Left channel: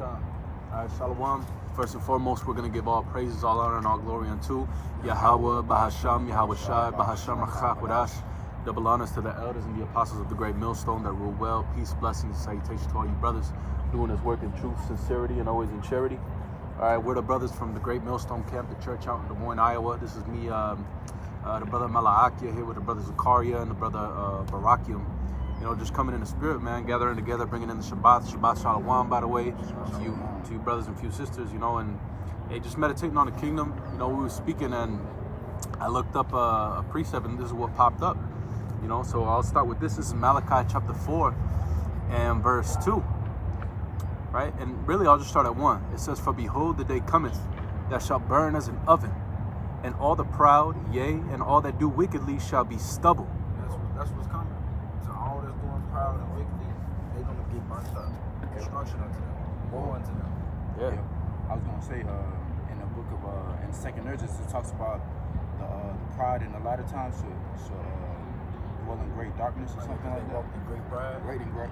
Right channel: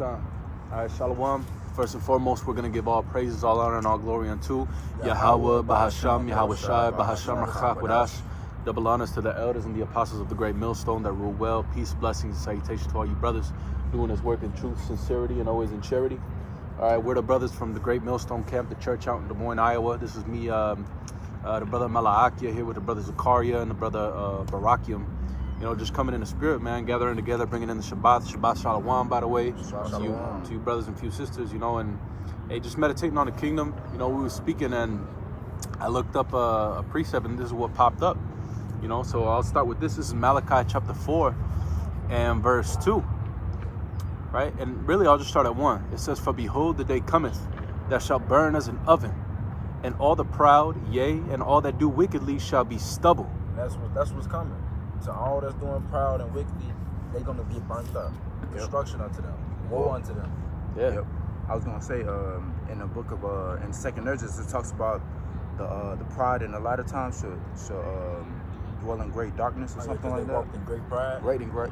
All right, Shalom. First and foremost, we're going to give all praises, all honor, and all glory unto Yahweh, Bahasham, Yahweh Shai, Bahasham, Rachak, Wadash. Double honors to the elders and the apostles of the great millstone that rule well. Peace, blessings, and salutations to all you brothers doing this work in truth, sincerity, and always in charity. All right, we're the brothers from the great millstone camp, the church out in Des Moines, Iowa. This is me, the brother Malaakia, here with the brother Zakaria and the brother Barakium. You know, just coming in the spirit, man, gathering together, bringing in the Shabbat Shalom, by the way, to you brothers and few sisters, you know, and hey, just meditating on the kingdom. You know, we were speaking and I looked up a precept and this is what popped up, you know, so I'll start with this. This is Malachi chapter 4 and verse 2, right? And really, I'll just start at 1. It says, "For behold, the day cometh that shall burn as an oven, and all the proud, yea, and all that do wickedly shall be stubble." That's what's coming. To all that's doing proud and wickedly, they're gonna get burnt up. Destruction unto them. Woe unto them. Yeah. Yep. I was gonna say, in the book of in Second Urges, it talks about the pride in the latter times should dwell in great darkness or something like that. Walked in great pride. Right in great,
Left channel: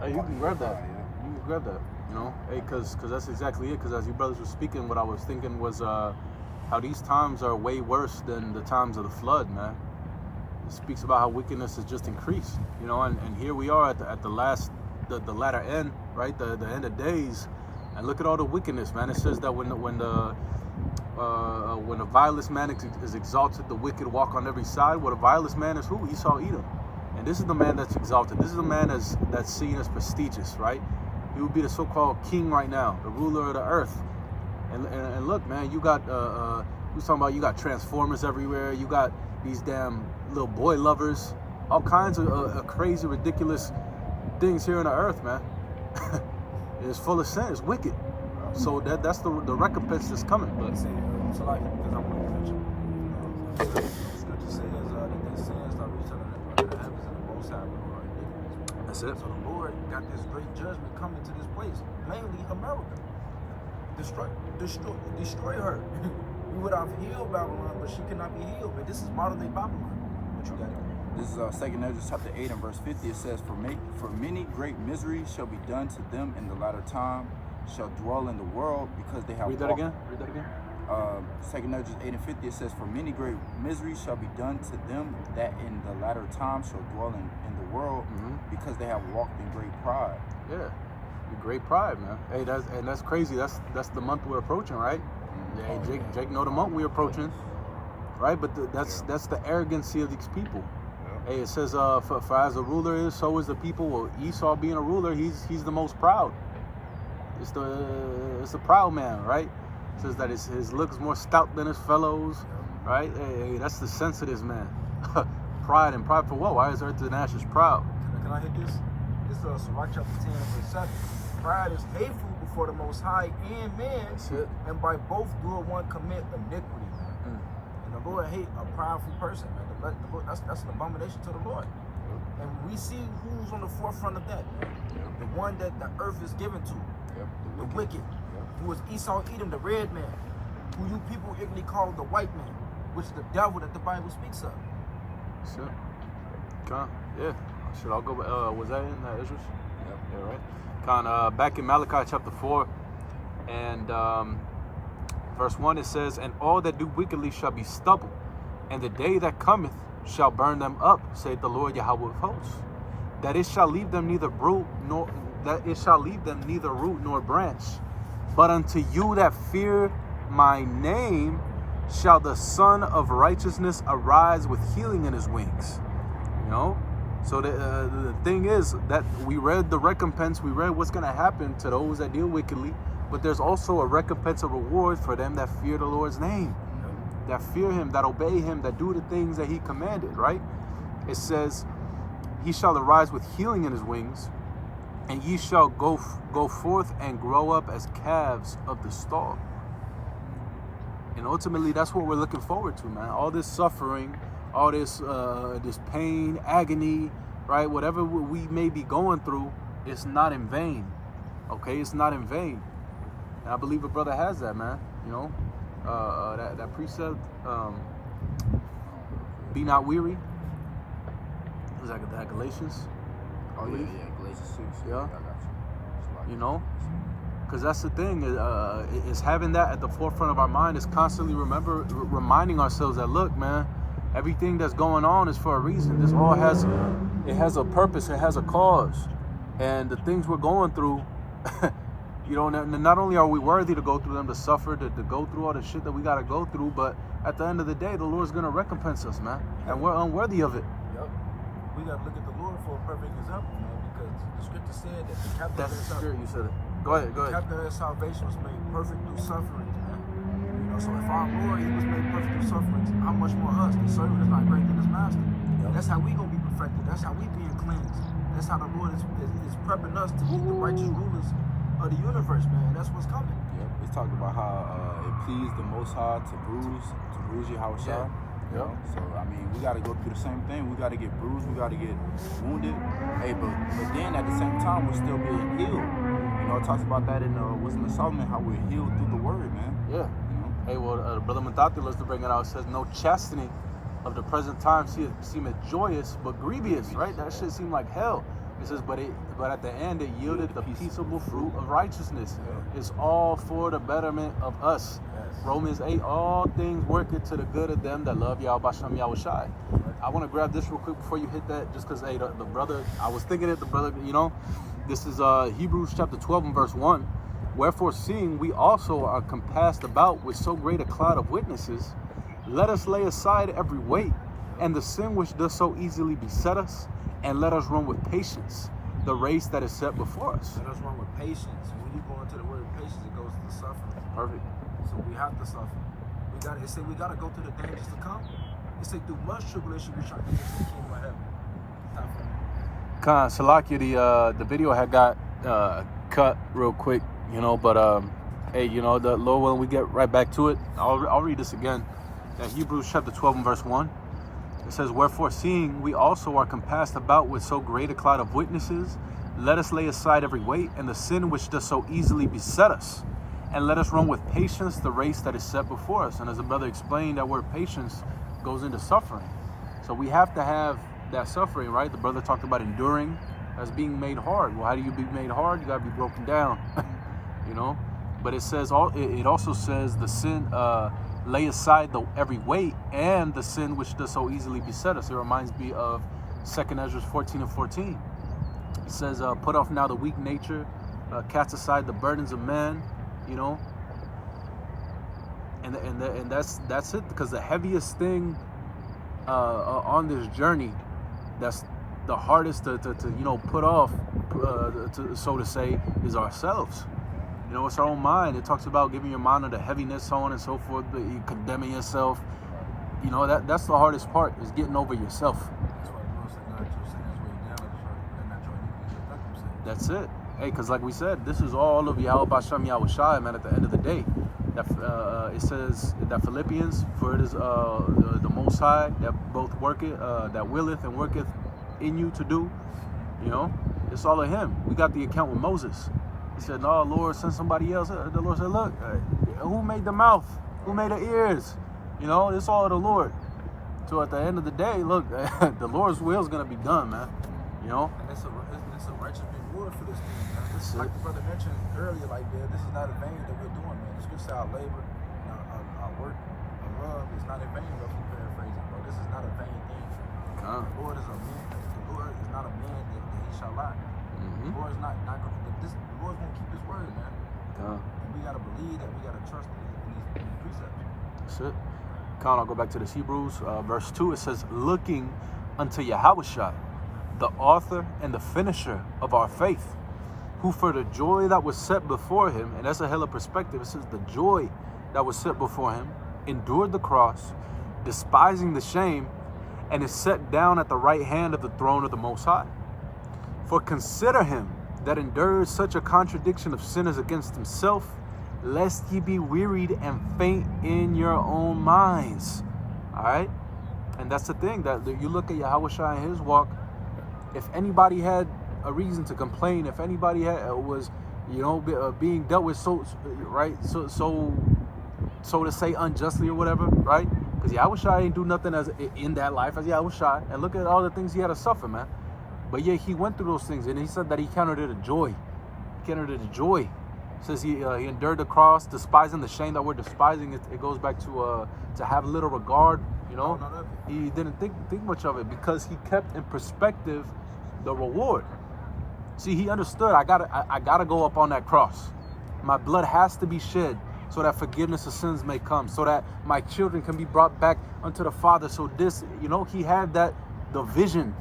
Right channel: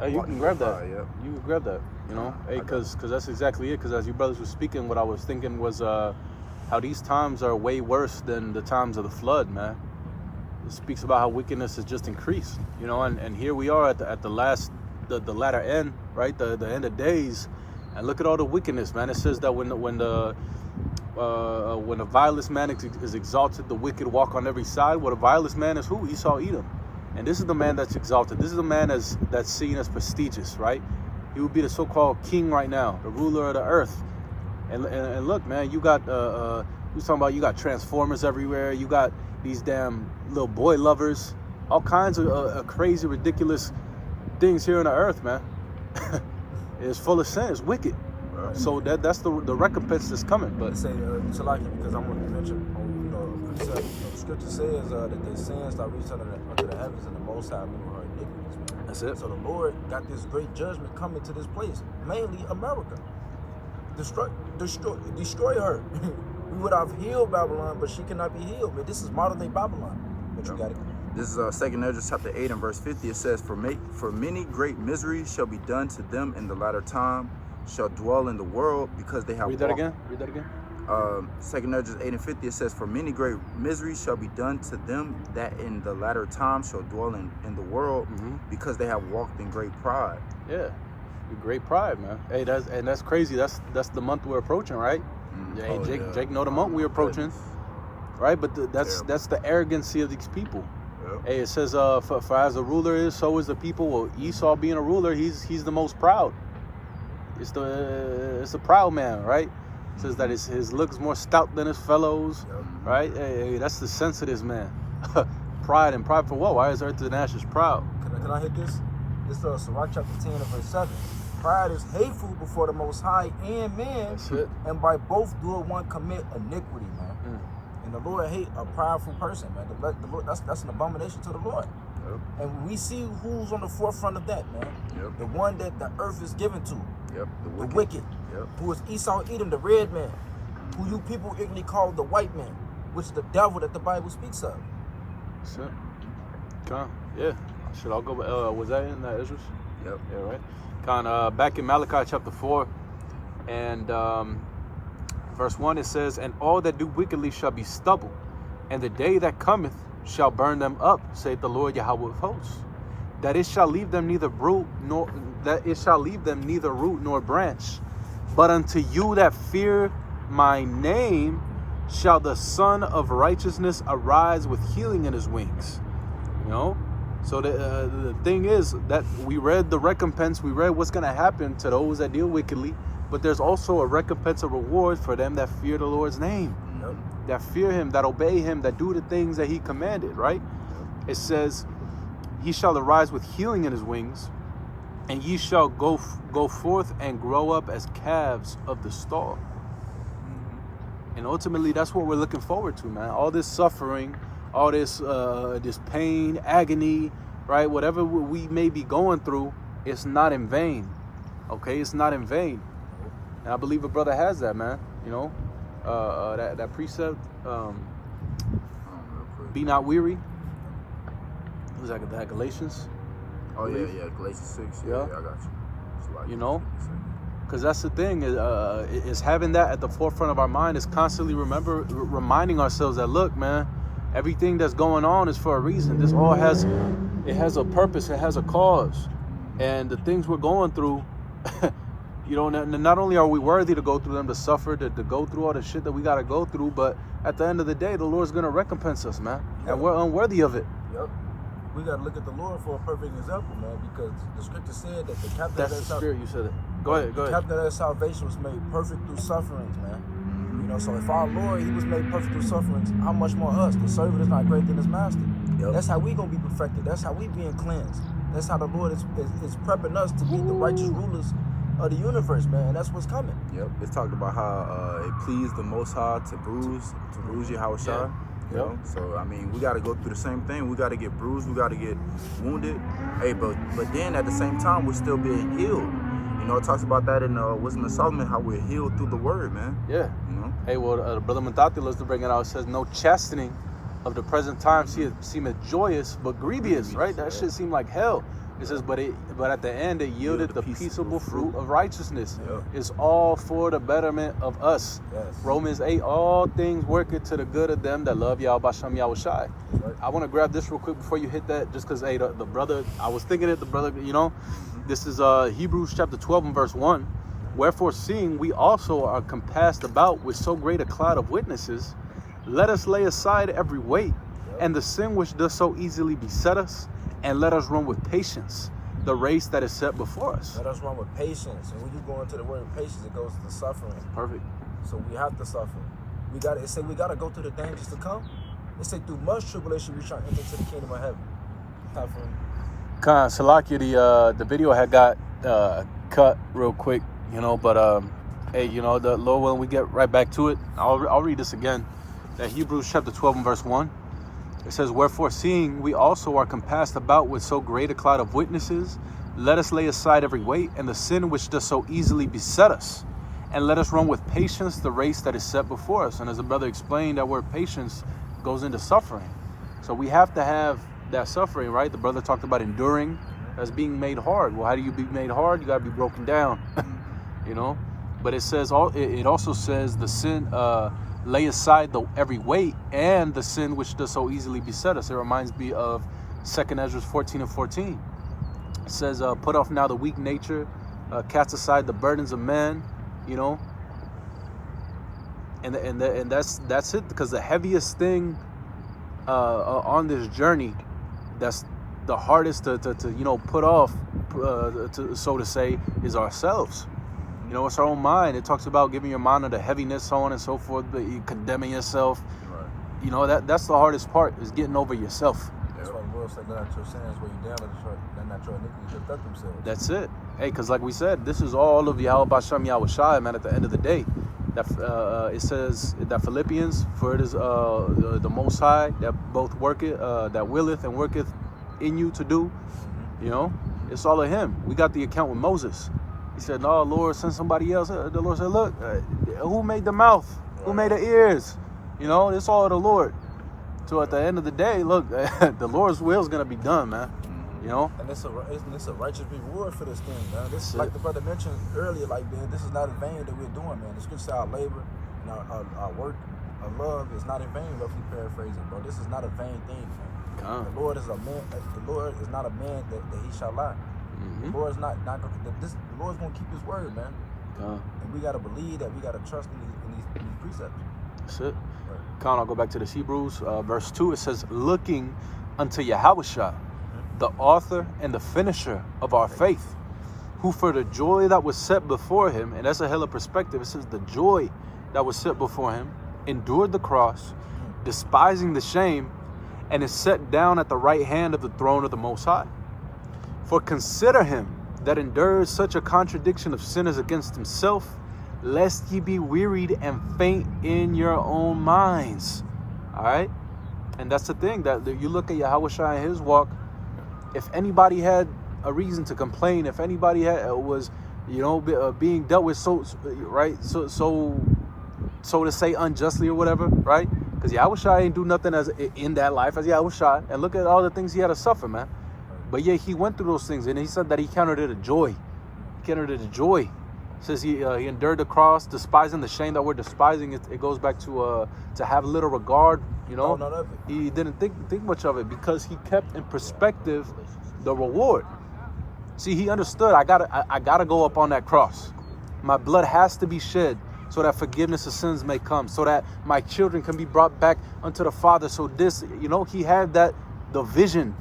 Hey, you can grab that. Pride, yeah. You can grab that. You know, hey, because that's exactly it. Because as you brothers were speaking, what I was thinking was how these times are way worse than the times of the flood, man. It speaks about how wickedness has just increased, you know, and here we are at the latter end, right? The end of days, and look at all the wickedness, man. It says that when the vilest man is exalted, the wicked walk on every side. Well, the vilest man is who? Esau, Edom, and this is the man that's exalted. This is the man that's seen as prestigious, right? He would be the so-called king right now, the ruler of the earth. And look, man, you got we talking about, you got transformers everywhere. You got these damn little boy lovers, all kinds of crazy, ridiculous things here on the earth, man. It's full of sin. It's wicked. Right. So that's the recompense that's coming. But Let's say, Salaki, because I'm going to mention, you know, the scripture says that the sins that reach under the heavens and the most high are iniquities. that's it. So the Lord got this great judgment coming to this place, mainly America. Destroy her. We would have healed Babylon, but she cannot be healed. But this is modern day Babylon. But you got it. This is Second Ezra chapter 8 and verse 50. It says, For many great miseries shall be done to them in the latter time, shall dwell in the world, because they have Read that again. Read that again. Second Ezra 8 and 50, it says, For many great miseries shall be done to them that in the latter time shall dwell in the world, because they have walked in great pride. Yeah, the great pride, man. Hey, that's crazy. That's the month we're approaching, right? Yeah, hey, Jake know the month we're approaching, right? But that's the arrogancy of these people. Hey, it says, for as the ruler is, so is the people. Well, Esau being a ruler, he's the most proud. It's the proud man, right? It says that his looks more stout than his fellows, right? Hey, that's the sense of this man. Pride, and pride for what? Why is Earth to the Nations proud? Can I hit this? This is Sirach chapter 10 and verse 7. Pride is hateful before the Most High and man, That's it. and by both doing one commit iniquity, man. And the Lord hate a prideful person, man. The Lord, that's an abomination to the Lord. And we see who's on the forefront of that, man. The one that the earth is given to. The wicked. Who is Esau, Edom, the red man. Who you people ignorantly call the white man, which is the devil that the Bible speaks of. That's it. Yeah. Should I go? Was that in Ezra? Yep. All right. Back in Malachi chapter 4 and verse 1, it says, And all that do wickedly shall be stubble, and the day that cometh shall burn them up, saith the Lord Yahweh of hosts. That it shall leave them neither root nor branch. But unto you that fear my name shall the Son of Righteousness arise with healing in his wings. You know? So the thing is that we read the recompense, we read what's going to happen to those that deal wickedly, but there's also a recompense, a reward for them that fear the Lord's name, that fear him, that obey him, that do the things that he commanded, right? It says, He shall arise with healing in his wings, and ye shall go forth and grow up as calves of the stall. And ultimately, that's what we're looking forward to, man. All this suffering, all this pain, agony, right? Whatever we may be going through, it's not in vain. Okay, it's not in vain. And I believe a brother has that, man. You know, that precept, be not weary. Is that Galatians? Oh yeah, Galatians 6. Yeah. I got you. You know, Because that's the thing, is having that at the forefront of our mind, is constantly reminding ourselves that, look, man, everything that's going on is for a reason. This all has a purpose, it has a cause. And the things we're going through, you know, not only are we worthy to go through them, to suffer, to go through all the shit that we got to go through, but at the end of the day, the Lord's going to recompense us, man. And we're unworthy of it. Yep. We got to look at the Lord for a perfect example, man, because the scripture said that the captain of that salvation. You said it. Go ahead. The captain of that salvation was made perfect through sufferings, man. You know, so if our Lord, he was made perfect through sufferings, how much more us? The servant is not greater than his master. Yep. That's how we going to be perfected. That's how we being cleansed. That's how the Lord is prepping us to be the righteous rulers of the universe, man. And that's what's coming. Yep. It's talked about how it pleased the Most High to bruise Yahweh Shai. You know? So I mean, we got to go through the same thing. We got to get bruised. We got to get wounded. Hey, but then at the same time, we're still being healed. You know, it talks about that in Wisdom of Solomon, how we're healed through the word, man. Yeah. You know. Hey, well, Brother Matati loves to bring it out. It says, "No chastening of the present time seemeth joyous, but grievous." Right? That shit seemed like hell. It says, but at the end it yielded the peaceable fruit of righteousness. Yep. It's all for the betterment of us. Yes. Romans 8, all things working to the good of them that love Yahweh Basham Yahweh Shai. Right. I want to grab this real quick before you hit that, just because, hey, the brother, I was thinking it, the brother, you know, this is Hebrews chapter 12 and verse 1. Wherefore, seeing we also are compassed about with so great a cloud of witnesses, let us lay aside every weight and the sin which does so easily beset us, and let us run with patience the race that is set before us. Let us run with patience. And when you go into the word patience, it goes to suffering. Perfect. So we have to suffer. We got to go through the dangers to come. It say through much tribulation we shall enter into the kingdom of heaven. Type of Salakia, the video had got cut real quick, you know, but hey, you know, the Lord willing, we get right back to it. I'll read this again. That Hebrews chapter 12 and verse 1. It says, wherefore, seeing we also are compassed about with so great a cloud of witnesses, let us lay aside every weight and the sin which does so easily beset us, and let us run with patience the race that is set before us. And as the brother explained, that word patience goes into suffering. So we have to have that suffering, right? The brother talked about enduring as being made hard. Well, how do you be made hard? You got to be broken down, you know? But it says, it also says the sin, lay aside every weight and the sin which does so easily beset us. It reminds me of 2 Ezra 14 and 14. It says, put off now the weak nature, cast aside the burdens of men, you know. And that's it, because the heaviest thing on this journey, that's the hardest to you know, put off, so to say, is ourselves. You know, it's our own mind. It talks about giving your mind the heaviness, so on and so forth, but you condemning yourself. right. You know, that's the hardest part, is getting over yourself. That's why the Lord said, let not your sins weigh you down, and not your iniquities lift up themselves. That's it. Hey, because like we said, this is all of Yahweh Basham Yahweh Shai, man, at the end of the day. That it says that Philippians, for it is the Most High that both worketh, that willeth and worketh in you to do. You know, it's all of Him. We got the account with Moses. He said, no, Lord, send somebody else. The Lord said, look, who made the mouth? Who made the ears? You know, it's all of the Lord. So at the end of the day, look, the Lord's will is going to be done, man. You know? And it's a righteous reward for this thing, man. This, like the brother mentioned earlier, like, man, this is not in vain that we're doing, man. The scripture said our labor and our work, our love is not in vain, roughly paraphrasing, bro. This is not a vain thing. The Lord is a man. The Lord is not a man that he shall lie. The Lord's not the Lord's gonna keep His word, man. And we gotta believe that. We gotta trust in these precepts. That's it. I'll go back to this Hebrews verse 2. It says, looking unto Yahushua, the author and the finisher of our faith, who for the joy that was set before him, and that's a hell of perspective. It says the joy that was set before him endured the cross, despising the shame, and is set down at the right hand of the throne of the Most High. For consider him that endures such a contradiction of sinners against himself, lest ye be wearied and faint in your own minds. All right? And that's the thing, that you look at Yahushua and his walk. If anybody had a reason to complain, if anybody was, you know, being dealt with so to say unjustly or whatever, right? Because Yahushua ain't do nothing as in that life as Yahushua. And look at all the things he had to suffer, man. But yet he went through those things, and he said that he counted it a joy. He counted it a joy. says he endured the cross, despising the shame that we're despising. It goes back to have little regard, you know. None of it. He didn't think much of it because he kept in perspective the reward. See, he understood, I gotta go up on that cross. My blood has to be shed so that forgiveness of sins may come, so that my children can be brought back unto the Father. So this, you know, he had the vision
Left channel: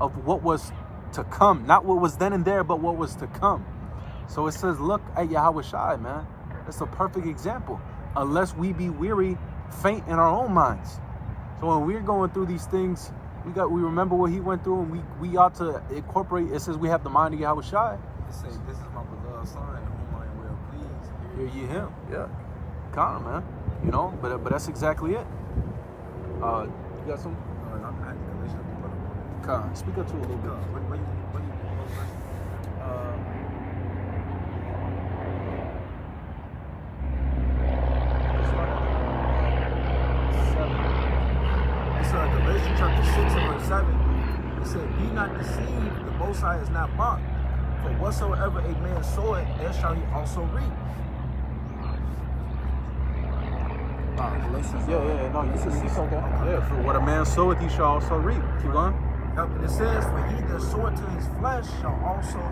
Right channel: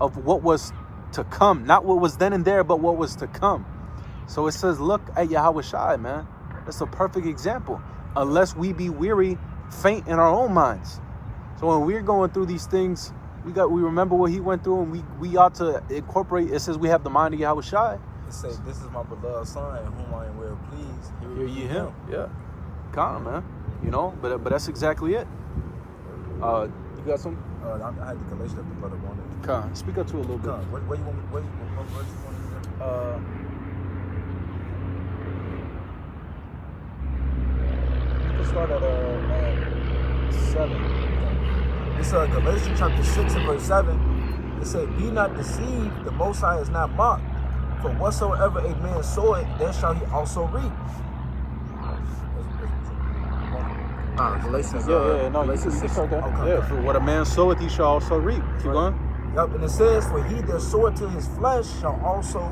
of what was to come, not what was then and there, but what was to come. So it says, look at Yahweh Shai, man. That's a perfect example. Unless we be weary, faint in our own minds. So when we're going through these things, we remember what he went through, and we ought to incorporate. It says we have the mind of Yahweh Shai. It say, this is my beloved son, whom I am well pleased. Hear ye him. Yeah. Come on, man. You know, but that's exactly it. You got some? I had the Galatians of the brother. Come, speak up to it a little bit. What you It's Galatians chapter 6 and verse 7. It said, be not deceived, the Most High is not mocked. For whatsoever a man soweth, there shall he also reap. Galatians, Galatians 6. Okay. Okay. Yeah, for what a man soweth, he shall also reap. Keep going. Yep, and it says, for he that soweth to his flesh shall also,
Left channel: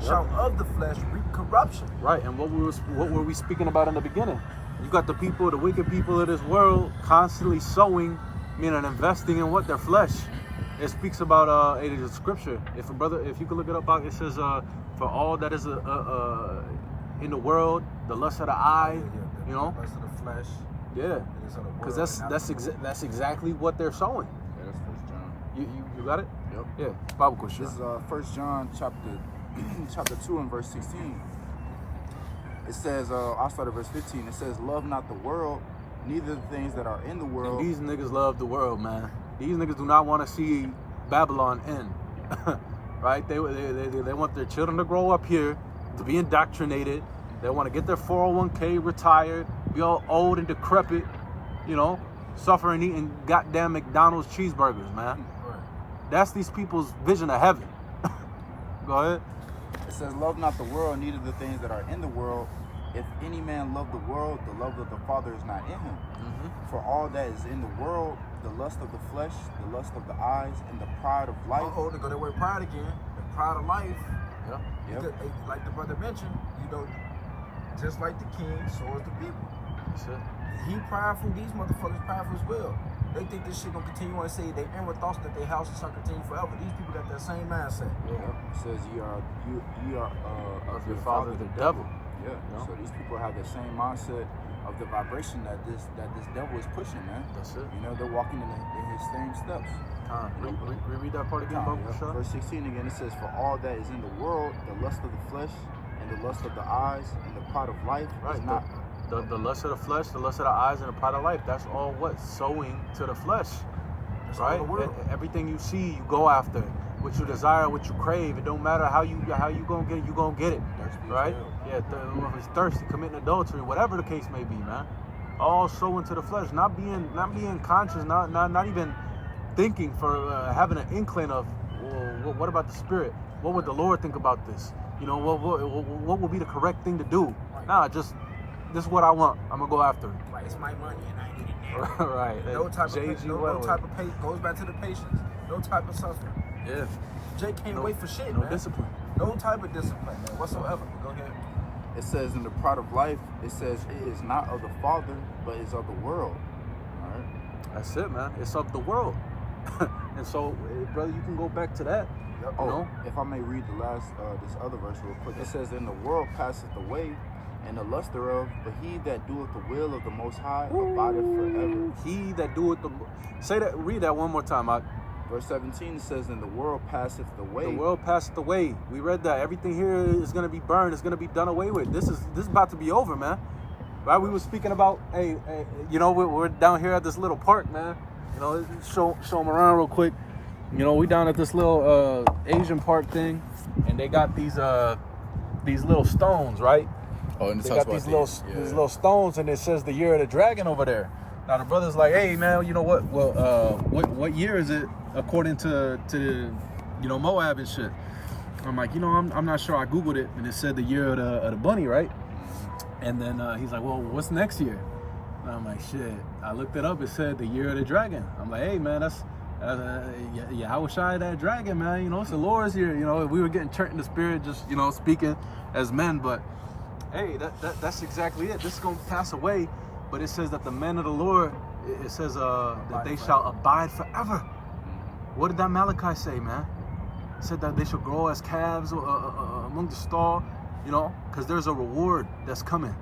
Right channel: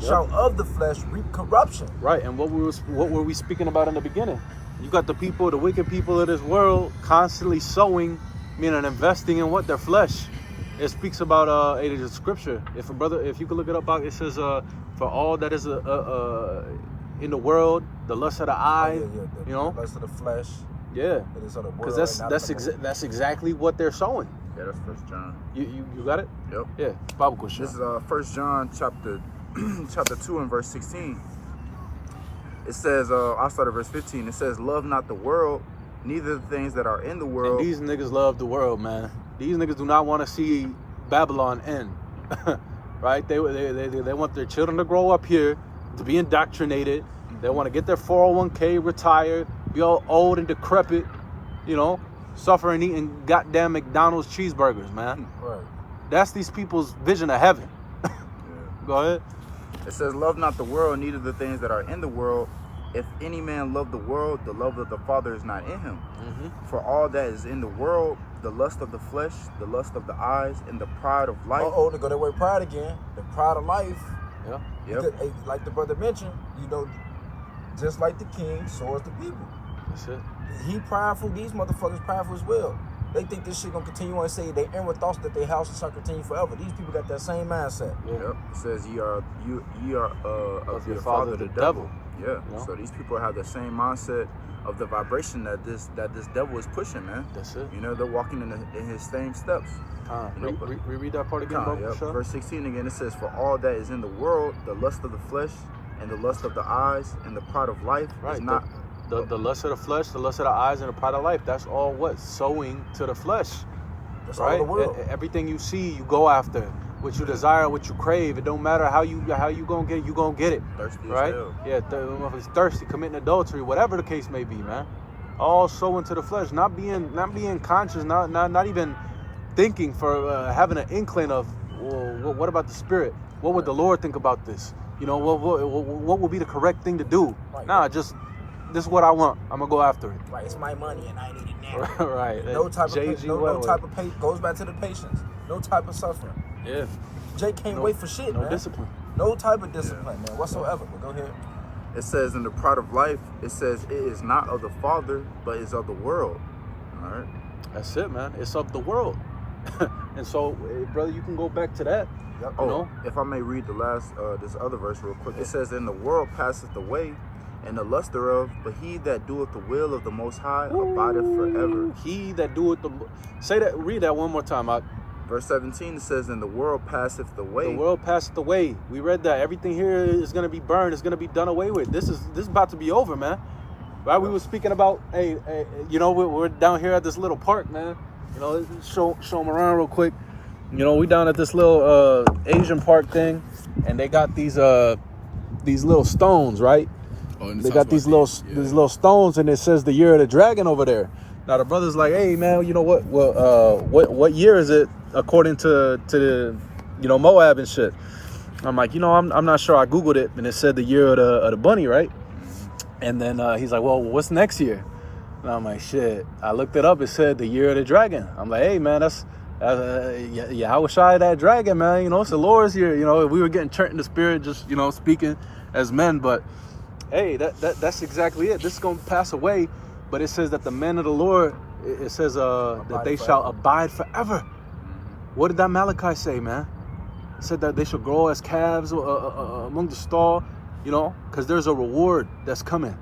shall of the flesh reap corruption. Right, and what were we speaking about in the beginning? You got the wicked people of this world constantly sowing, meaning investing in what? Their flesh. It speaks about it is a scripture. If you can look it up, it says for all that is in the world, the lust of the eye, you know, the lust of the flesh. Yeah, because that's exactly what they're sowing. Yeah, that's 1 John. You got it? Yep. Yeah, Bible question. This is 1 John chapter 2 and verse 16. It says, I'll start at verse 15. It says, love not the world, neither the things that are in the world. And these niggas love the world, man. These niggas do not want to see Babylon end, right? They want their children to grow up here, to be indoctrinated. They want to get their 401k, retire, be all old and decrepit, you know, suffering eating goddamn McDonald's cheeseburgers, man. Right. That's these people's vision of heaven. Go ahead. It says, love not the world, neither the things that are in the world. If any man love the world, the love of the Father is not in him. Mm-hmm. For all that is in the world, the lust of the flesh, the lust of the eyes, and the pride of life. They go that word pride again. The pride of life. Yeah. Yep. Like the brother mentioned, you know, just like the king, so is the people. That's it. He prideful, these motherfuckers prideful as well. They think this shit gonna continue on and say they inward thoughts that their house shall continue forever. These people got that same mindset. Yep. It says you are of your father the devil. Yeah. So these people have the same mindset of the vibration that this devil is pushing, man. That's it. You know, they're walking in his same steps. Read that part again, yep. Verse 16 again, it says, for all that is in the world, the lust of the flesh, and the lust of the eyes, and the pride of life is not... The lust of the flesh, the lust of the eyes, and the pride of life. That's all what? Sowing to the flesh. That's right? all the world. Everything you see, you go after. What you desire, what you crave. It don't matter how you gonna get it, you gonna get it. Thirsty right? as hell. Yeah, if it's thirsty, committing adultery, whatever the case may be, man. All sowing to the flesh, not being conscious, not even thinking for having an inkling of, well, what about the spirit? What would the Lord think about this? You know, what would be the correct thing to do? Right. Nah, just this is what I want. I'm gonna go after it. Right, it's my money and I need it now. Right. No type of patience. Goes back to the patience. No type of suffering. Yeah. Jay can't wait for shit, no man. Discipline. No type of discipline, man, whatsoever. Go ahead. It says in the pride of life, it says it is not of the Father, but is of the world. All right. That's it, man. It's of the world. And so, brother, you can go back to that. Yep. You know? If I may read the last, this other verse real quick. It says, and the world passeth away, and the lust thereof, but he that doeth the will of the Most High abideth forever. He that doeth read that one more time. Verse 17, it says, and the world passeth away. The world passeth away. We read that. Everything here is going to be burned. It's going to be done away with. This is about to be over, man. Right? We were speaking about, hey, you know, we're down here at this little park, man. You know, show them around real quick. You know, we down at this little Asian park thing, and they got these little stones, right? Oh, and they got these little stones, and it says the year of the dragon over there. Now the brother's like, hey man, you know what? Well, what year is it according to the, you know, Moab and shit? I'm like, I'm not sure. I Googled it, and it said the year of the bunny, right? And then he's like, well, what's next year? And I'm like, shit. I looked it up. It said the year of the dragon. I'm like, hey, man, that's I was shy of that dragon, man. It's the Lord's year. We were getting turned in the spirit, just speaking as men. But hey, that's exactly it. This is gonna pass away, but it says that the men of the Lord, it says that they shall abide forever. What did that Malachi say, man? It said that they shall grow as calves among the stall, because there's a reward that's coming.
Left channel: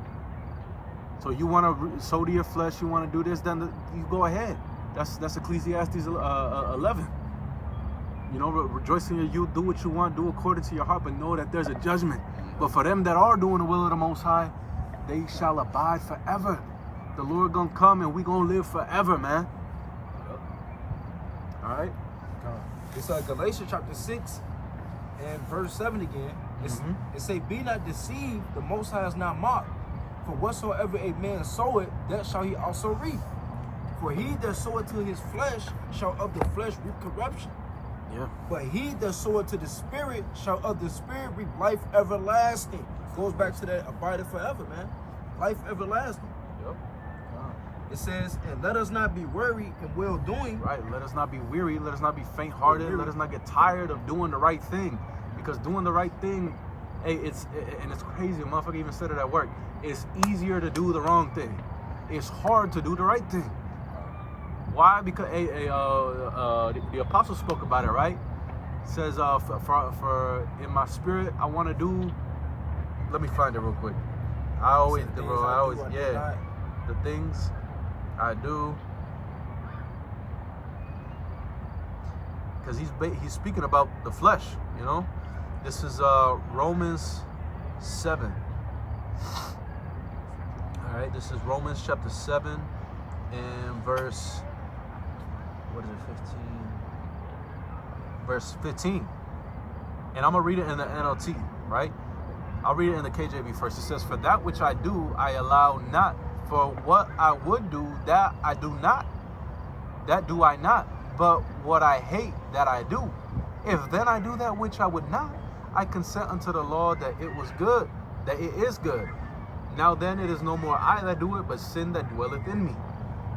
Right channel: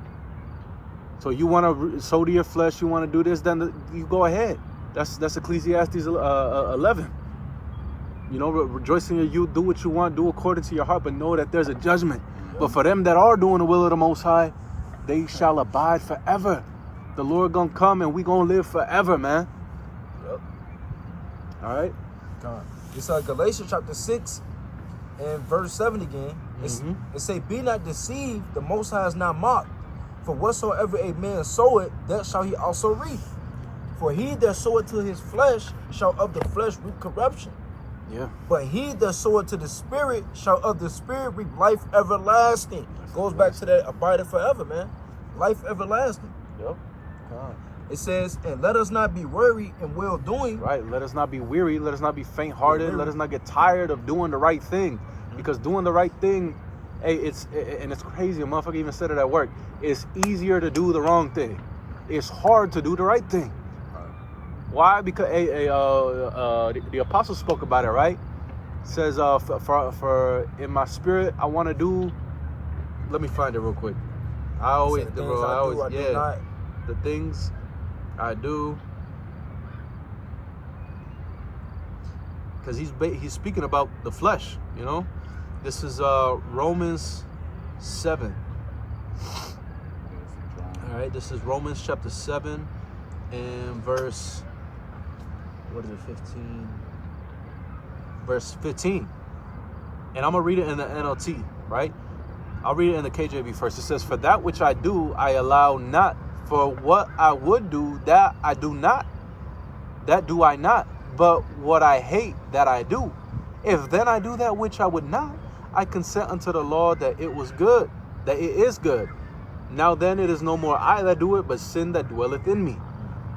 So you want to sow to your flesh, you want to do this, then you go ahead. That's Ecclesiastes 11. Rejoice in your youth, do what you want, do according to your heart, but know that there's a judgment. But for them that are doing the will of the Most High, they shall abide forever. The Lord gonna come and we gonna live forever, man. Yep. All right. It's Galatians chapter 6 and verse 7 again. It say, be not deceived, the Most High is not mocked. For whatsoever a man soweth, that shall he also reap. For he that soweth to his flesh shall of the flesh reap corruption. Yeah. But he that soweth to the Spirit shall of the Spirit reap life everlasting. Goes back to that abiding forever, man. Life everlasting. Yep. It says, and let us not be weary in well doing. Right. Let us not be weary. Let us not be faint hearted. Let us not get tired of doing the right thing. Because doing the right thing, hey, it's crazy. A motherfucker even said it at work. It's easier to do the wrong thing. It's hard to do the right thing. Why? Because the apostle spoke about it, right? It says, for in my spirit, I want to do. Let me find it real quick. The things I do. Because he's speaking about the flesh, This is Romans 7. All right, this is Romans chapter 7 and verse, 15? Verse 15. And I'm going to read it in the NLT, right? I'll read it in the KJV first. It says, for that which I do, I allow not. For what I would do, that I do not. That do I not. But what I hate, that I do. If then I do that which I would not, I consent unto the law that it was good, that it is good. Now then it is no more I that do it, but sin that dwelleth in me.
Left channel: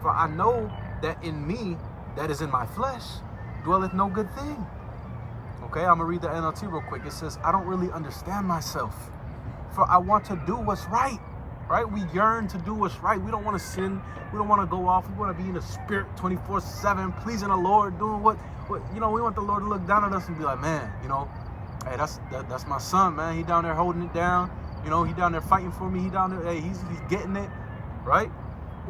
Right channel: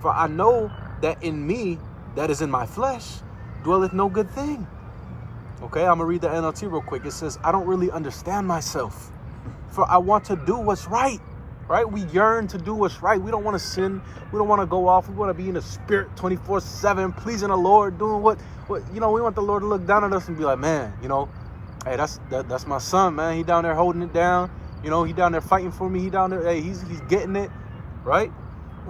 For I know that in me, that is in my flesh, dwelleth no good thing. Okay, I'm going to read the NLT real quick. It says, I don't really understand myself, for I want to do what's right. Right? We yearn to do what's right. We don't want to sin. We don't want to go off. We want to be in the spirit 24/7, pleasing the Lord, doing what we want the Lord to look down at us and be like, man, hey, that's my son, man. He down there holding it down. He down there fighting for me. He down there, hey, he's getting it, right?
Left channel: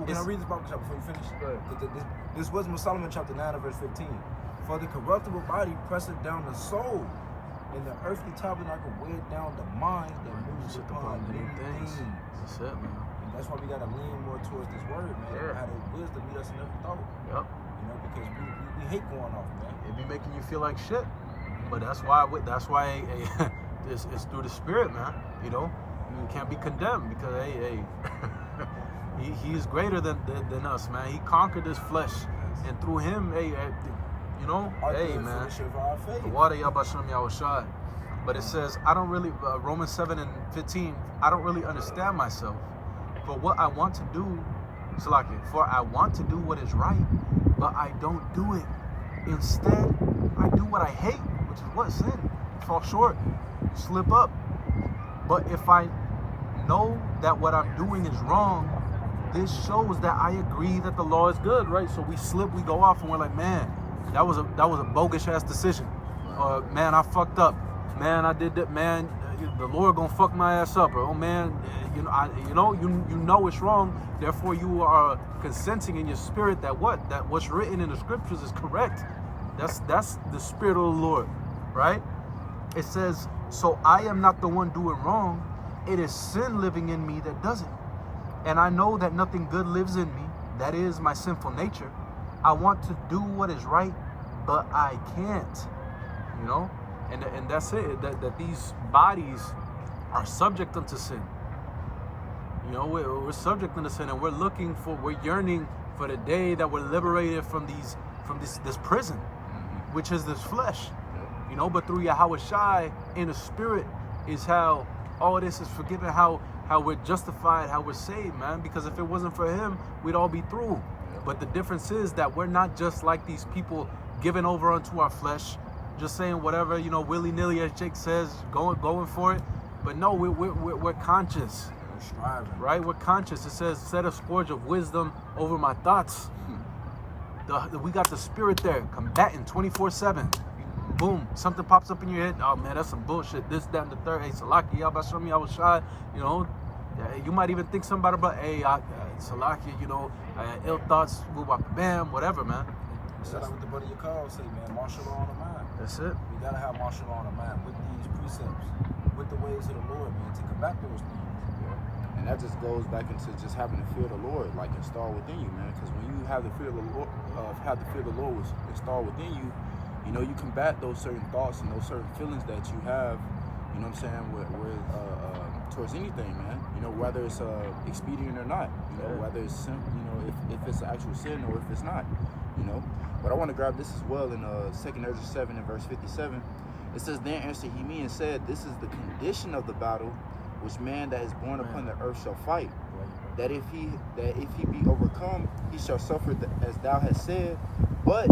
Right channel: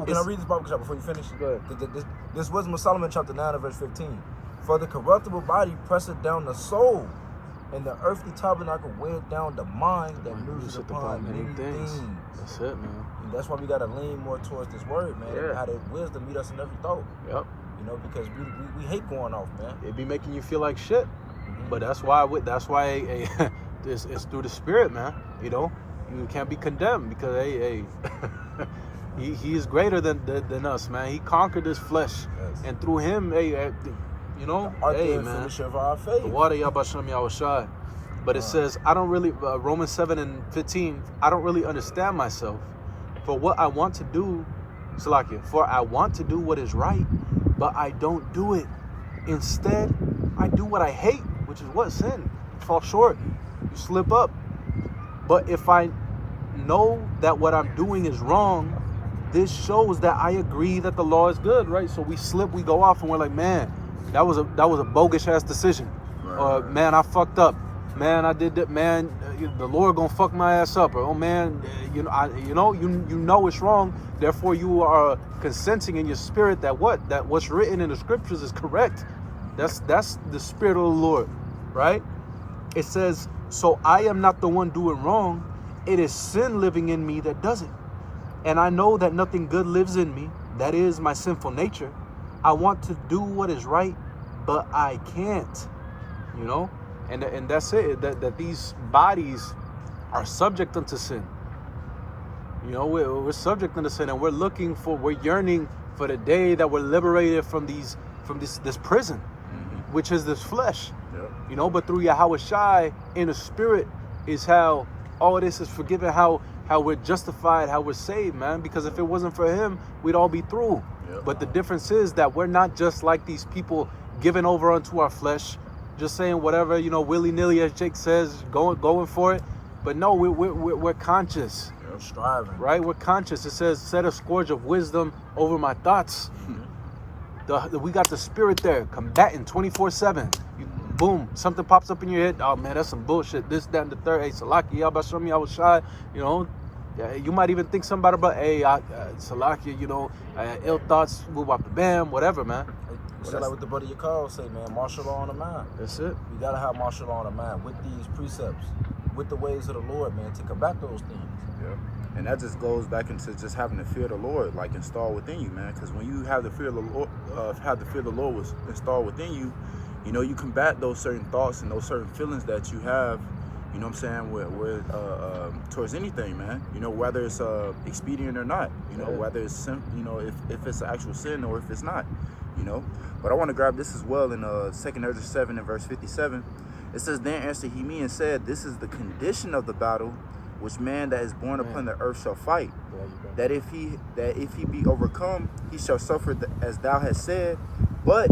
Can I read this Bible before you finish? Go ahead. This Wisdom of Solomon chapter 9 and verse 15. For the corruptible body presseth down the soul, and the earthly tabernacle weighed down the mind that moves upon many things. That's it, man. And that's why we gotta lean more towards this word, man. Yeah. How that wisdom meet us in every thought. Yep. Because we hate going off, man. It be making you feel like shit, but that's why it's through the Spirit, man. You can't be condemned because hey, he is greater than us, man. He conquered this flesh, and through him, hey, man. Of our faith. Water Yabasham Yahushai. But it says, I don't really, Romans 7 and 15, I don't really understand myself. For what I want to do, for I want to do what is right, but I don't do it. Instead, I do what I hate, which is what? Sin. You fall short. You slip up. But if I know that what I'm doing is wrong, this shows that I agree that the law is good, right? So we slip, we go off, and we're like, man, that was a bogus ass decision. Man, I fucked up. Man, I did that. Man, the Lord gonna fuck my ass up. Or, oh man, you know it's wrong. Therefore, you are consenting in your spirit that what's written in the scriptures is correct. That's the spirit of the Lord, right? It says, so I am not the one doing wrong. It is sin living in me that does it. And I know that nothing good lives in me. That is my sinful nature. I want to do what is right, but I can't. And that's it. That these bodies are subject unto sin. We're subject unto sin, and we're yearning for the day that we're liberated from this prison, which is this flesh. you know. But through Yahweh Shai in the spirit is how all this is forgiven, how we're justified, how we're saved, man. Because if it wasn't for him, we'd all be through. But the difference is that we're not just like these people giving over unto our flesh, just saying whatever, you know, willy-nilly, as Jake says, going for it. But no, we're conscious. We're striving. Right? We're conscious. It says, set a scourge of wisdom over my thoughts. We got the spirit there, combating 24/7. Boom, something pops up in your head. Oh man, that's some bullshit. This, that, and the third. Hey, Salaki, Yabashami, I was shy. You know, you might even think somebody about, hey, Salaki, you know, ill thoughts, bam, whatever, man. It's like what the buddy you call say, man, martial law on the mind. That's it. We gotta have martial law on the mind with these precepts, with the ways of the Lord, man, to combat those things. And that just goes back into just having the fear of the Lord, like installed within you, man. Because when you have the fear of the Lord, was installed within you, you know, you combat those certain thoughts and those certain feelings that you have. You know what I'm saying? With towards anything, man. You know, whether it's expedient or not. You know, whether it's you know, if it's an actual sin or if it's not. You know. But I want to grab this as well in 2 Ezra 7 and verse 57. It says, "Then answered he me and said, This is the condition of the battle which man that is born upon the earth shall fight. That if he be overcome, he shall suffer as thou hast said. But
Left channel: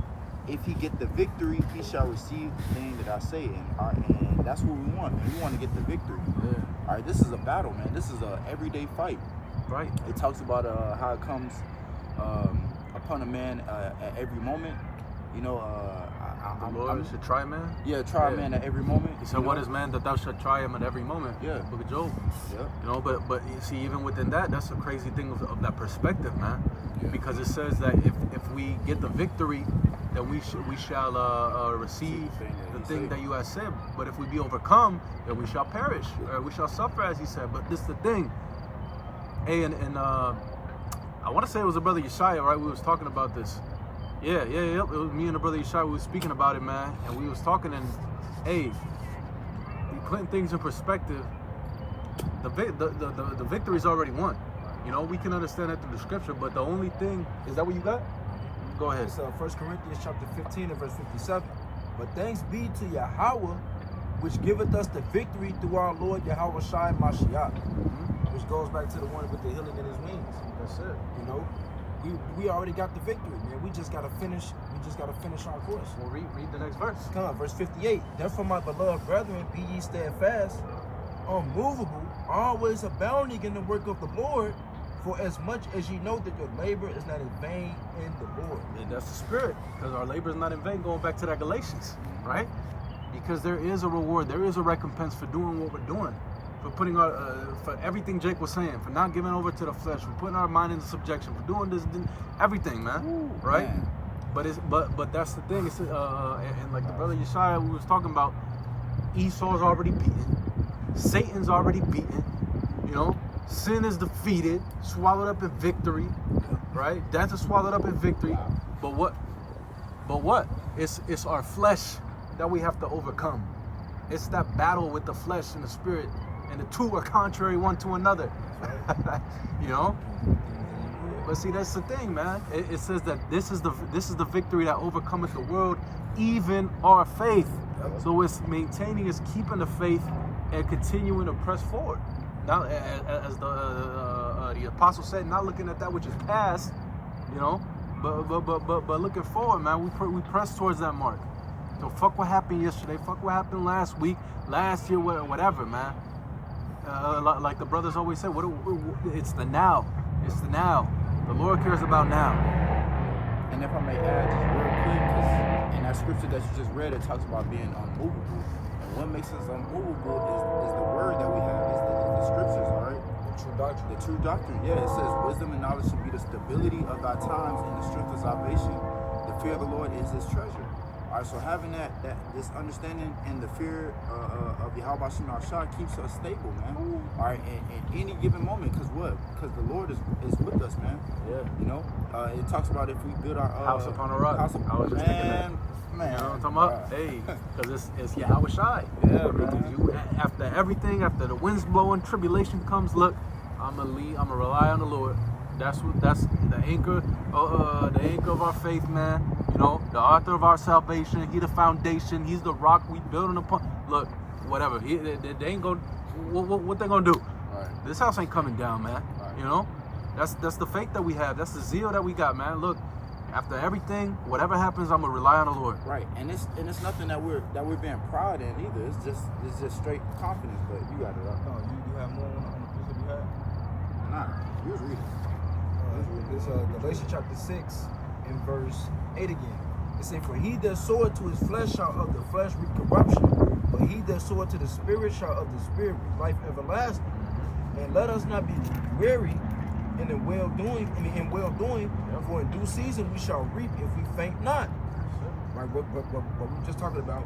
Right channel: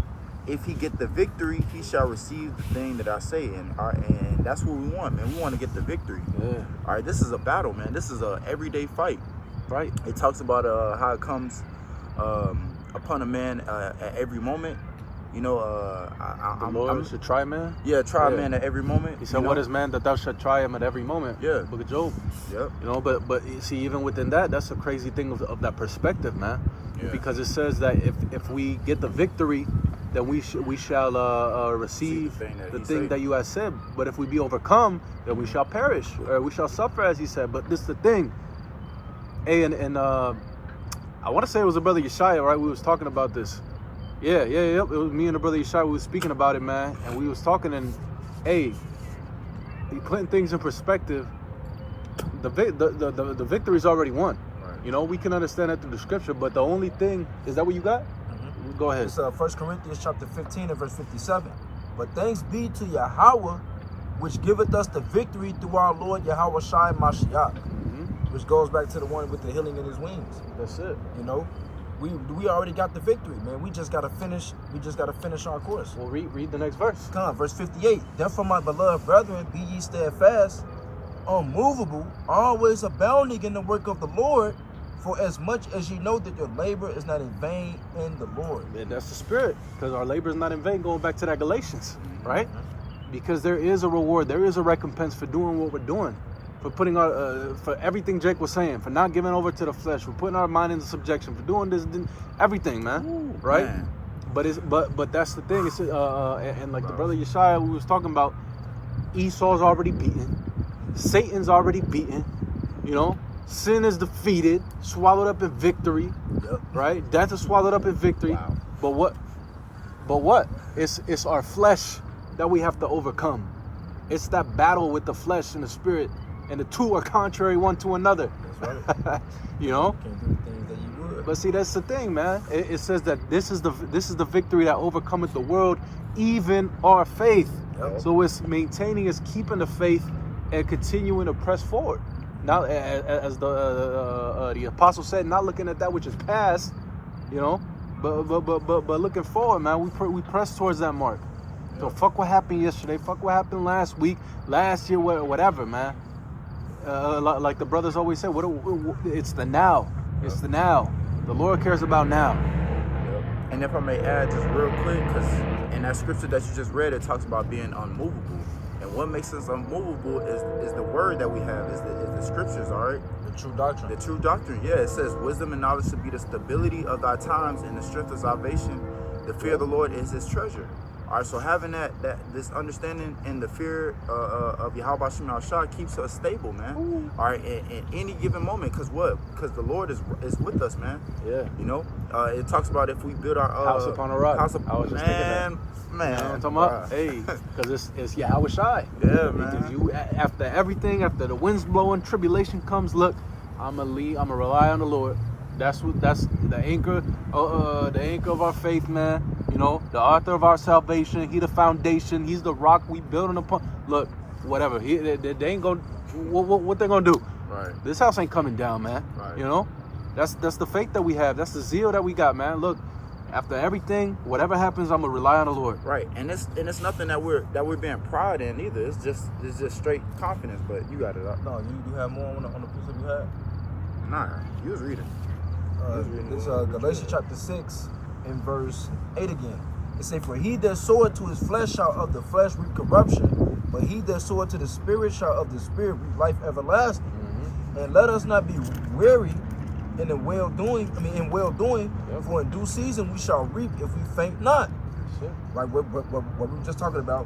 if he get the victory, he shall receive the thing that I say." And that's what we want, man. We want to get the victory. Yeah. All right, this is a battle, man. This is a everyday fight. Right. It talks about how it comes upon a man at every moment. You know, The Lord should try man. Yeah, try a man at every moment. He said, "What is man that thou shalt try him at every moment?" Yeah. Book of Job. Yep. You know, but you see, even within that, that's a crazy thing of that perspective, man. Yeah. Because it says that if we get the victory, then we shall receive the thing that you have said. But if we be overcome, then we shall perish, or we shall suffer, as he said. But this is the thing. Hey, and I want to say it was a brother Yeshaya, right? We was talking about this. Yeah. It was me and the brother Yeshaya. We was speaking about it, man, and we was talking. And hey, putting things in perspective, the victory's already won. You know, we can understand that through the scripture, but the only thing is that what you got? Go ahead. It's 1 Corinthians chapter 15 and verse 57. "But thanks be to Yahweh, which giveth us the victory through our Lord Yahweh Shai Mashiach." Which goes back to the one with the healing in his wings. That's it. You know, we already got the victory, man. We just gotta finish our course. Well, read the next verse. Come on, verse 58. "Therefore, my beloved brethren, be ye steadfast, unmovable, always abounding in the work of the Lord, for as much as you know that your labor is not in vain in the Lord." Yeah, that's the spirit, because our labor is not in vain. Going back to that Galatians, right? Because there is a reward, there is a recompense for doing what we're doing, for putting our, for everything Jake was saying, for not giving over to the flesh, for putting our mind into subjection, for doing this, everything, man, right? Man. But that's the thing. It's and like the brother Yeshaya we was talking about, Esau's already beaten, Satan's already beaten, you know. Sin is defeated, swallowed up in victory, right? Death is swallowed up in victory. But what? It's our flesh that we have to overcome. It's that battle with the flesh and the spirit, and the two are contrary one to another. That's right. You know. Can't do the things that you would. But see, that's the thing, man. It says that this is the victory that overcometh the world, even our faith. Yep. So it's maintaining, it's keeping the faith, and continuing to press forward. Now, as the apostle said, not looking at that which is past, you know, but looking forward, man. We press towards that mark. So fuck what happened yesterday. Fuck what happened last week, last year, whatever, man. Like the brothers always say, it's the now. It's the now. The Lord cares about now. And if I may add just real quick, because in that scripture that you just read, it talks about being unmovable. And what makes us unmovable is the word that we have, is the scriptures, all right? The true doctrine. The true doctrine, yeah. It says, "Wisdom and knowledge should be the stability of thy times and the strength of salvation. The fear of the Lord is his treasure." All right, so having this understanding and the fear of Yahweh Shema Shah keeps us stable, man. All right, in any given moment, because the Lord is with us, man. Yeah. You know, it talks about if we build our House upon a rock. House I was just thinking that. Man, Talking about, hey, because it's Yahweh Shai. Yeah, Because man. you, after everything, after the winds blowing, tribulation comes, look, I'm gonna rely on the Lord. That's the anchor, the anchor of our faith, man. You know, the author of our salvation. He the foundation. He's the rock we building upon. Look, whatever. They ain't gonna. What they gonna do? Right. This house ain't coming down, man. Right. You know, that's the faith that we have. That's the zeal that we got, man. Look, after everything, whatever happens, I'm gonna rely on the Lord. Right, and it's nothing that we're being proud in either. It's just straight confidence. But you got it. No, you have more on the precept you had. Nah, you was reading. This Galatians chapter 6 and verse 8 again. It says, "For he that soweth to his flesh shall of the flesh reap corruption, but he that soweth to the Spirit shall of the Spirit reap life everlasting. And let us not be weary in well doing. For in due season we shall reap if we faint not." Like what we were just talking about.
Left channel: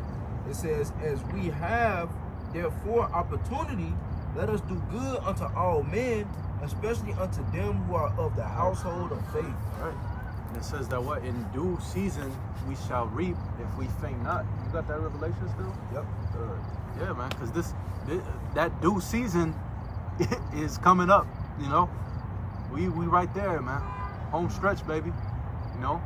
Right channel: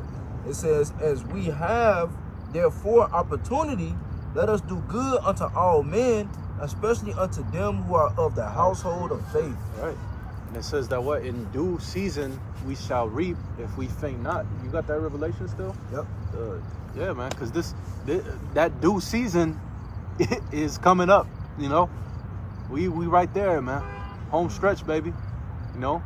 It says, "As we have therefore opportunity, let us do good unto all men, especially unto them who are of the household of faith." Right. And it says that what in due season we shall reap if we faint not. You got that revelation still? Yep. Yeah, man. Because that due season is coming up. You know, we right there, man. Home stretch, baby. You know.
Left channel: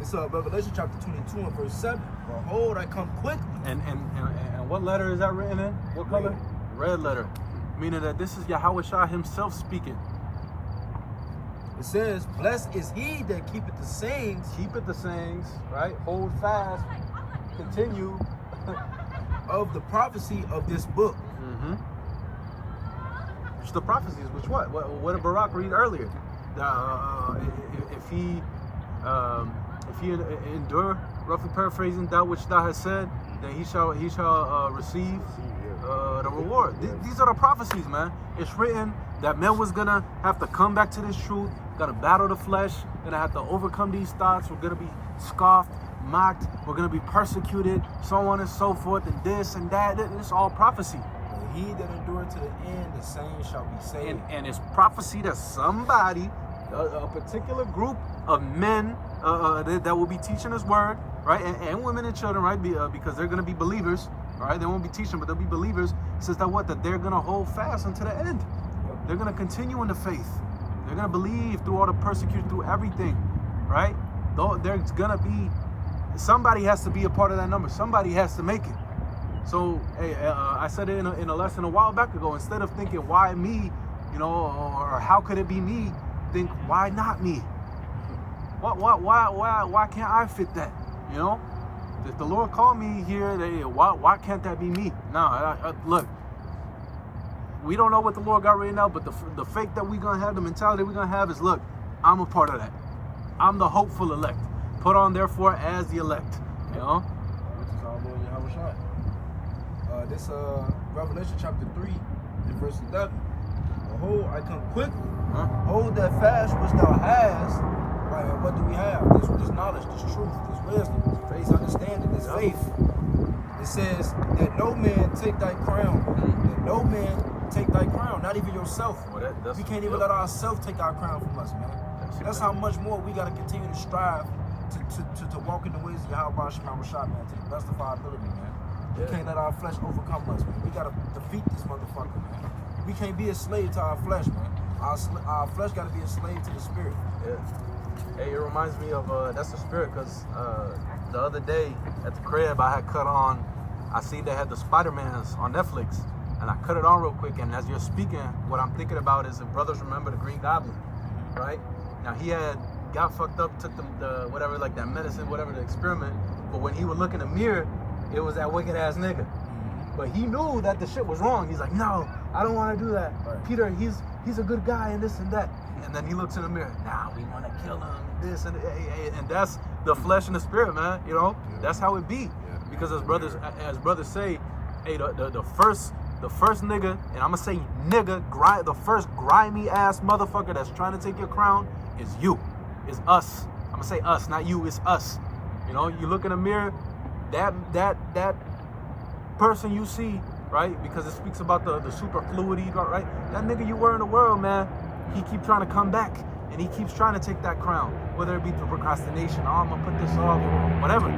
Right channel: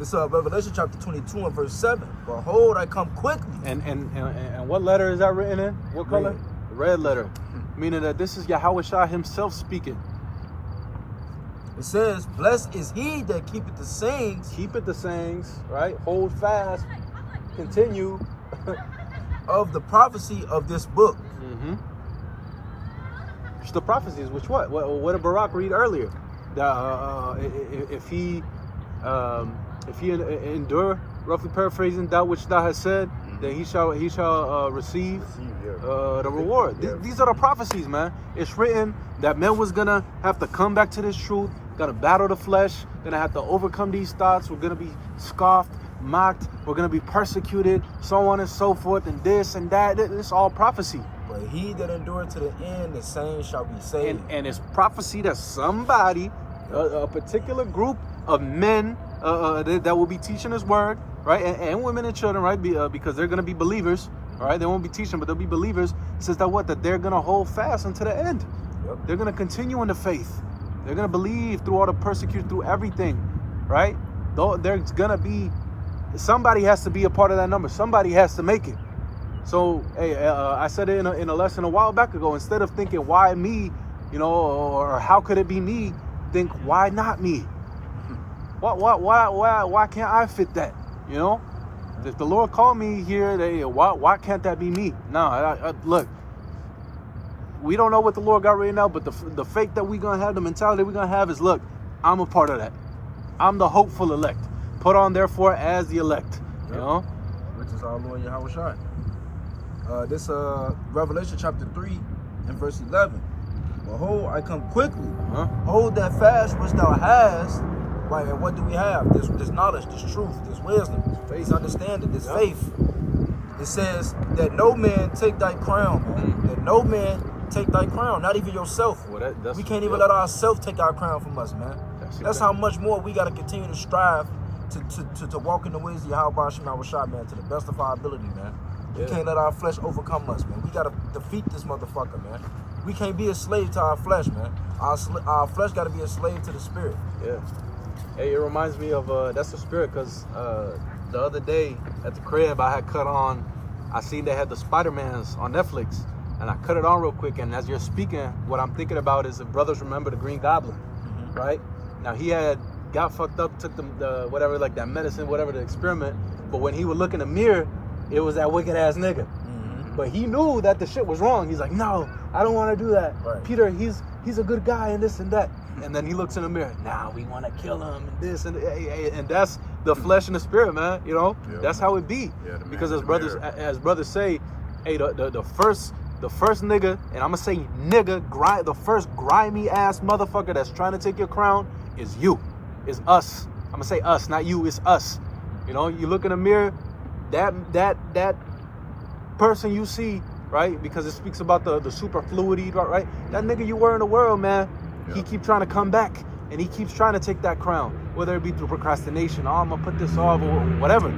It's Revelation chapter 22 and verse 7. "Behold, I come quickly." And what letter is that written in? What color? Red letter. Meaning that this is Yahweh Shah himself speaking. It says, "Blessed is he that keepeth the sayings." Keep it the sayings, right? Hold fast. Continue. "Of the prophecy of this book." Mm-hmm. It's the prophecies. Which what did Barak read earlier? If he endure, roughly paraphrasing, that which thou hast said, then he shall receive the reward. These are the prophecies, man. It's written that men was gonna have to come back to this truth, gonna battle the flesh, gonna have to overcome these thoughts. We're gonna be scoffed, mocked. We're gonna be persecuted, so on and so forth, and this and that. It's all prophecy. "But he that endureth to the end, the same shall be saved." And it's prophecy that somebody, a particular group of men that will be teaching this word, right? And women and children, right? Because they're going to be believers, right? They won't be teaching, but they'll be believers. It says that they're going to hold fast unto the end. Yep. They're going to continue in the faith. They're going to believe through all the persecution, through everything, right? Though there's going to be, somebody has to be a part of that number. Somebody has to make it. So, hey, I said it in a lesson a while back ago. Instead of thinking, why me, you know, or how could it be me? Think, why not me? Why can't I fit that? You know, if the Lord called me here, why can't that be me? No, look, we don't know what the Lord got written out, but the faith that we're gonna have, the mentality we're gonna have is, look, I'm a part of that. I'm the hopeful elect. Put on therefore as the elect. You know, Which is our Lord Yahweh Shai. This Revelation chapter 3 and verse 11. "Behold, I come quickly. Hold that fast which thou hast." Right, and what do we have? This knowledge, this truth, this wisdom, this understanding, this faith. It says that no man take thy crown. That no man take thy crown, not even yourself. Well, We can't even let ourselves take our crown from us, man. That's how much more we got to continue to strive to walk in the ways of Yahweh Shema Shai, man, to the best of our ability, man. We can't let our flesh overcome us, man. We got to defeat this motherfucker, man. We can't be a slave to our flesh, man. Our flesh got to be a slave to the spirit. Yeah. Hey, it reminds me of that's the spirit, because the other day at the crib I had cut on. I seen they had the Spider-Mans on Netflix, and I cut it on real quick. And as you're speaking, what I'm thinking about is if brothers remember the Green Goblin, right? Now he had got fucked up, took the whatever, like that medicine, whatever, the experiment. But when he would look in the mirror, it was that wicked ass nigga. But he knew that the shit was wrong. He's like, no, I don't want to do that. Right. Peter, he's a good guy and this and that. And then he looks in the mirror. Now we want to kill him and this and that's the flesh and the spirit, man. You know, that's how it be. Because as brothers say, hey, the first nigga, and I'm gonna say nigga, the first grimy ass motherfucker that's trying to take your crown is you, is us. I'm gonna say us, not you. It's us. You know, you look in the mirror, that person you see, right? Because it speaks about the superfluity, right? That nigga you were in the world, man. He keep trying to come back, and he keeps trying to take that crown, whether it be through procrastination. Oh, I'm gonna put this off, or whatever.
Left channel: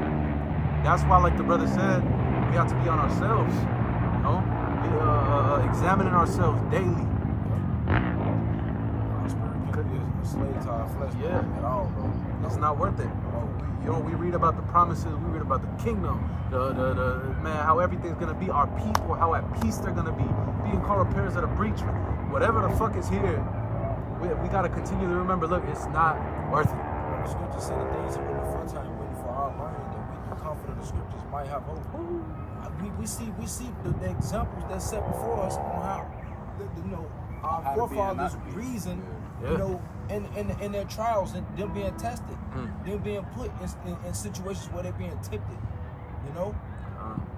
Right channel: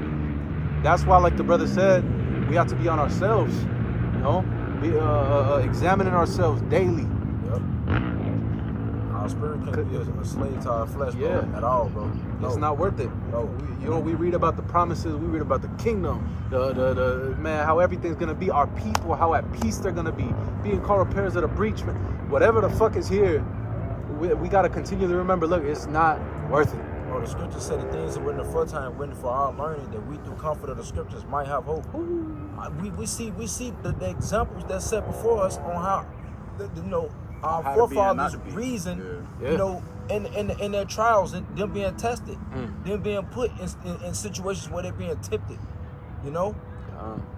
That's why, like the brother said, we have to be on ourselves. You know, be examining ourselves daily. Our spirit can't be a slave to our flesh, bro, Yeah. at all, bro. It's No. not worth it. We read about the promises, we read about the kingdom, the man, how everything's gonna be, our people, how at peace they're gonna be, being called repairs of the breach, man. Whatever the fuck is here, we gotta continue to remember, look, it's not worth it. Bro, the scriptures say the things that were in the aforetime written for our learning, that we, through comfort of the scriptures, might have hope. We see the examples that set before us on how, our How to be and not forefathers to be. reasoned, Yeah. in their trials, and them being tested, them being put in situations where they're being tempted,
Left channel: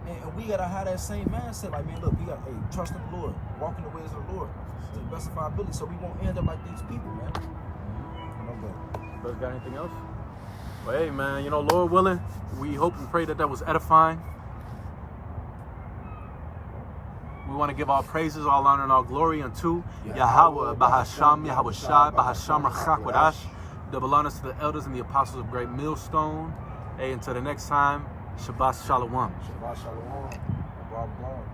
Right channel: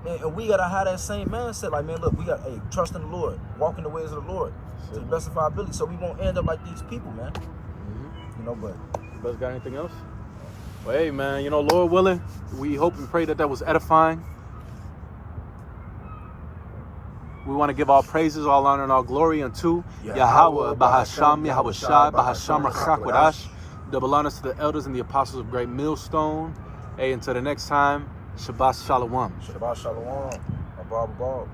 And we gotta have that same mindset. Like, man, look, we got trust in the Lord, walk in the ways of the Lord to the best of our ability, so we won't end up like these people, man. But You guys got anything else? Well, hey, man, Lord willing, we hope and pray that was edifying. We want to give all praises, all honor, and all glory unto Yahweh, Bahasham, Yahweh Shai, Bahasham, Rachak Wadash. Double honors to the elders and the apostles of Great Millstone. Hey, until the next time, Shabbat Shalom. Shabbat Shalom, above.